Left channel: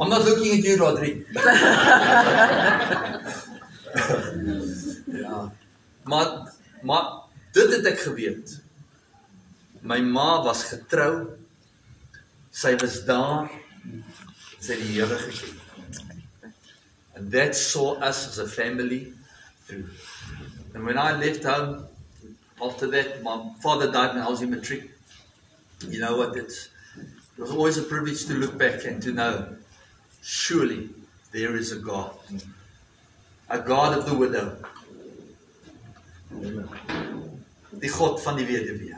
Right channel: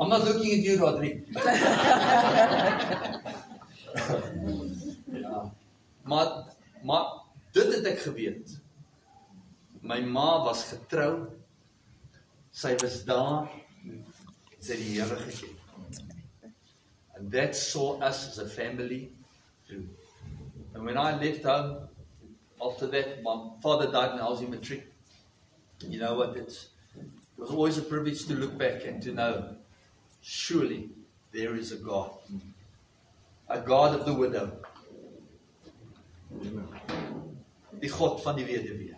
I'm not looking at you, Rodri. Ja. Maar dit het ek geweet. My ma was getrou. Sy was daar. Sy het die Here geken. And that saw us as a family through. And when I left home, after that, my father died when I was in matric. You know what, it was always a privilege to look back and to know, surely there is a God of the widow. Die God van die weduwee.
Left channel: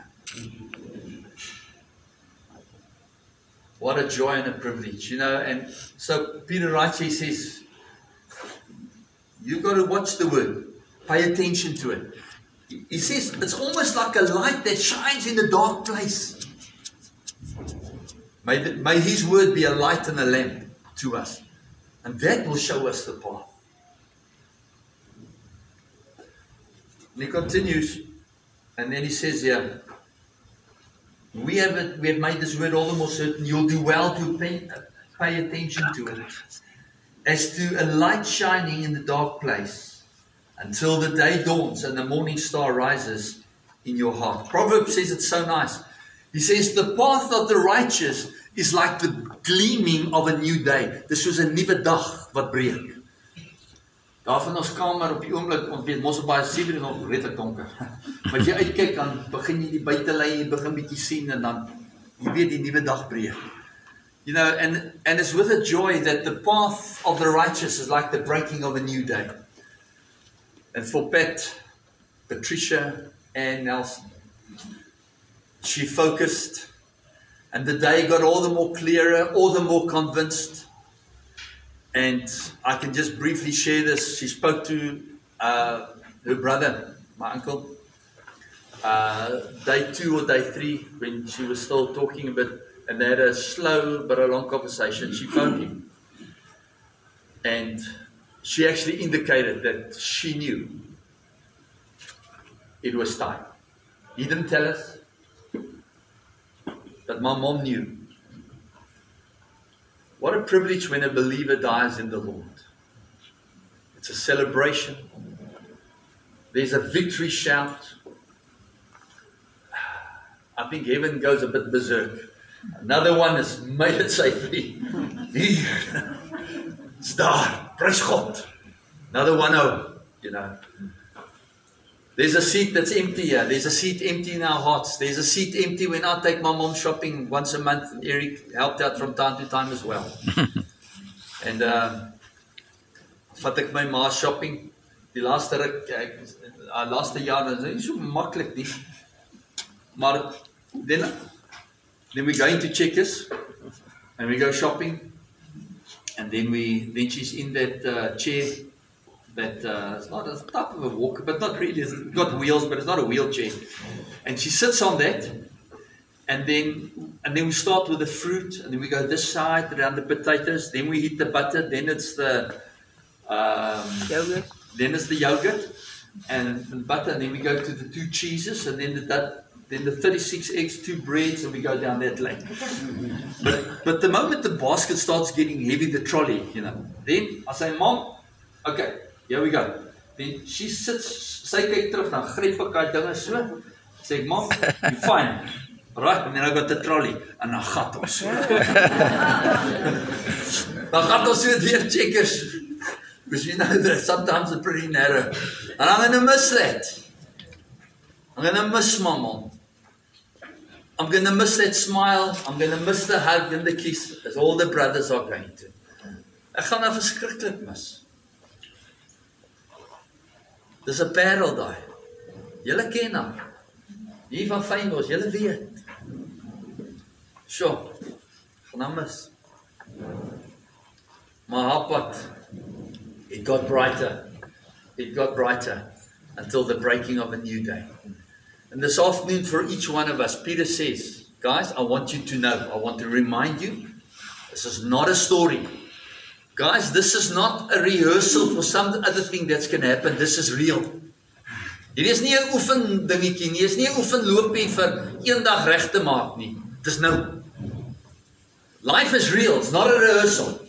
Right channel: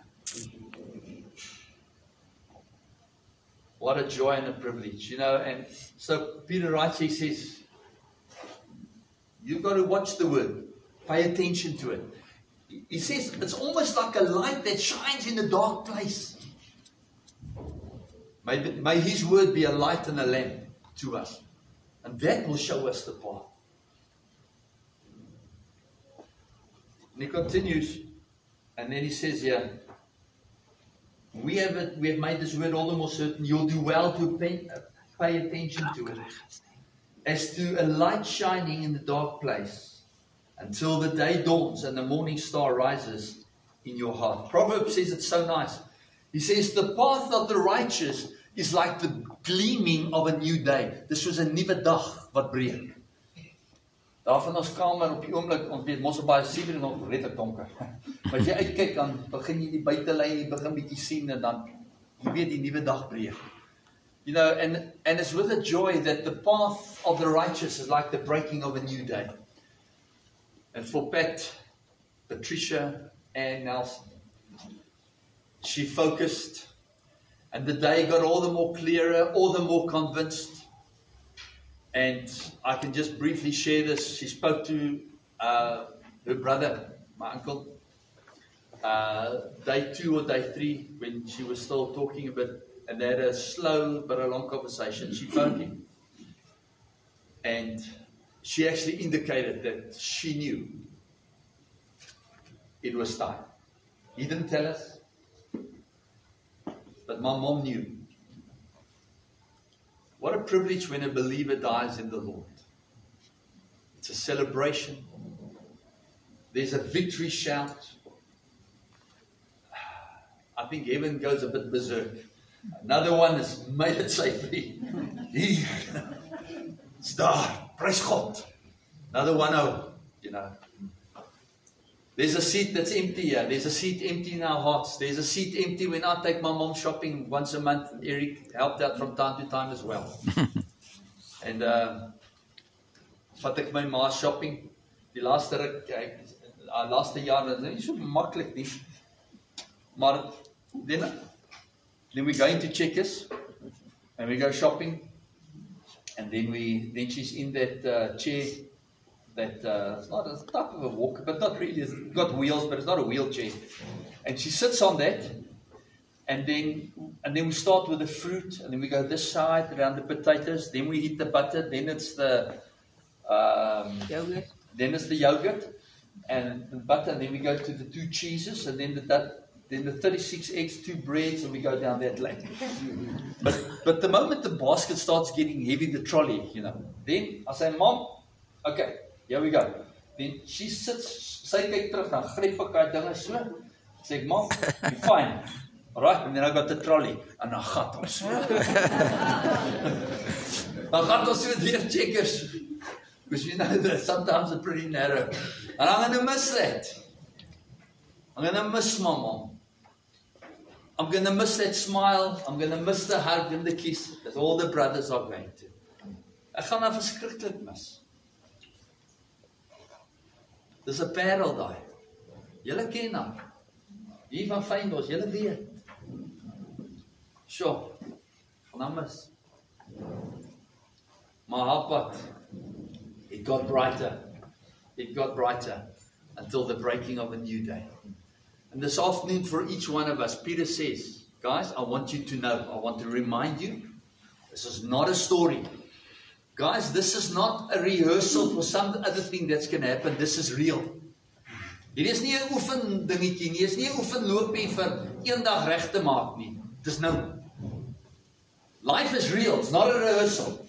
What a joy and a privilege, you know. And so Peter writes, he says, you've got to watch the word, pay attention to it. He says it's almost like a light that shines in a dark place. May his word be a light and a lamp to us, and that will show us the path. And he continues, and then he says here, we have made this word all the more certain. You'll do well to pay attention to it, as to a light shining in the dark place, until the day dawns and the morning star rises in your heart. Proverbs says it's so nice. He says, the path of the righteous is like the gleaming of a new day. Dis soos 'n nuwe dag wat breek. Daar van ons kamer op die oomblik, ons weet mos op baie 7 en nog redelik donker. Maar as jy uitkyk, dan begin jy die buitelei, jy begin bietjie sien, en dan, jy weet die nuwe dag breek. You know, and it's with a joy that the path of the righteous is like the breaking of a new day. And for Pat, Patricia, and Nelson, she focused, and the day got all the more clearer, all the more convinced. And I can just briefly share this. She spoke to her brother, my uncle, day 2 or day 3, when she was still talking a bit, and they had a slow but a long conversation. She phoned him, and she actually indicated that she knew it was time. He didn't tell us, but my mom knew. What a privilege when a believer dies in the Lord. It's a celebration. There's a victory shout. I think heaven goes a bit berserk. Another one has made it safely. It's daar, praise God. Another one, you know. There's a seat that's empty here. There's a seat empty in our hearts. There's a seat empty when I take my mom shopping once a month. Eric helped out from time to time as well. And vat ek my ma shopping. Die laaste jaar, dat is nie so makkelijk nie. Maar then we go into Checkers and we go shopping, and then she's in that chair. That it's not a type of a walker, but not really. It's got wheels, but it's not a wheelchair. And she sits on that, and then we start with the fruit, and then we go this side around the potatoes. Then we hit the butter. Then it's the yogurt. Then it's the yogurt and the butter. And then we go to the 2 cheeses, and then the 36 eggs, 2 breads, and we go down that lane. But the moment the basket starts getting heavy, the trolley, you know, then I say, Mom, okay. Here we go. Then she sits, sy kyk terug, dan gryp ek daai dinge so. Sê ek, Mom, you fine. Right, and then I got the trolley. En dan gat ons so. Dan gat ons so deur Checkers. Because you know that sometimes it's pretty narrow. And I'm going to miss that. I'm going to miss my mom. I'm going to miss that smile. I'm going to miss the hug and the kiss. As all the brothers are going to. Ek gaan nou verskriklik mis. Dis 'n parel daai. Julle ken hom. Hier van Fynbos, julle weet. Sjoe. Gaan mis. Maar haar pad, it got brighter. It got brighter until the breaking of a new day. And this afternoon for each one of us, Peter says, guys, I want you to know, I want to remind you, this is not a story. Guys, this is not a rehearsal for some other thing that's going to happen. This is real. Hier is nie 'n oefen dingetjie nie. Hier is nie 'n oefen loopie vir eendag reg te maak nie. Dis nou. Life is real. It's not a rehearsal.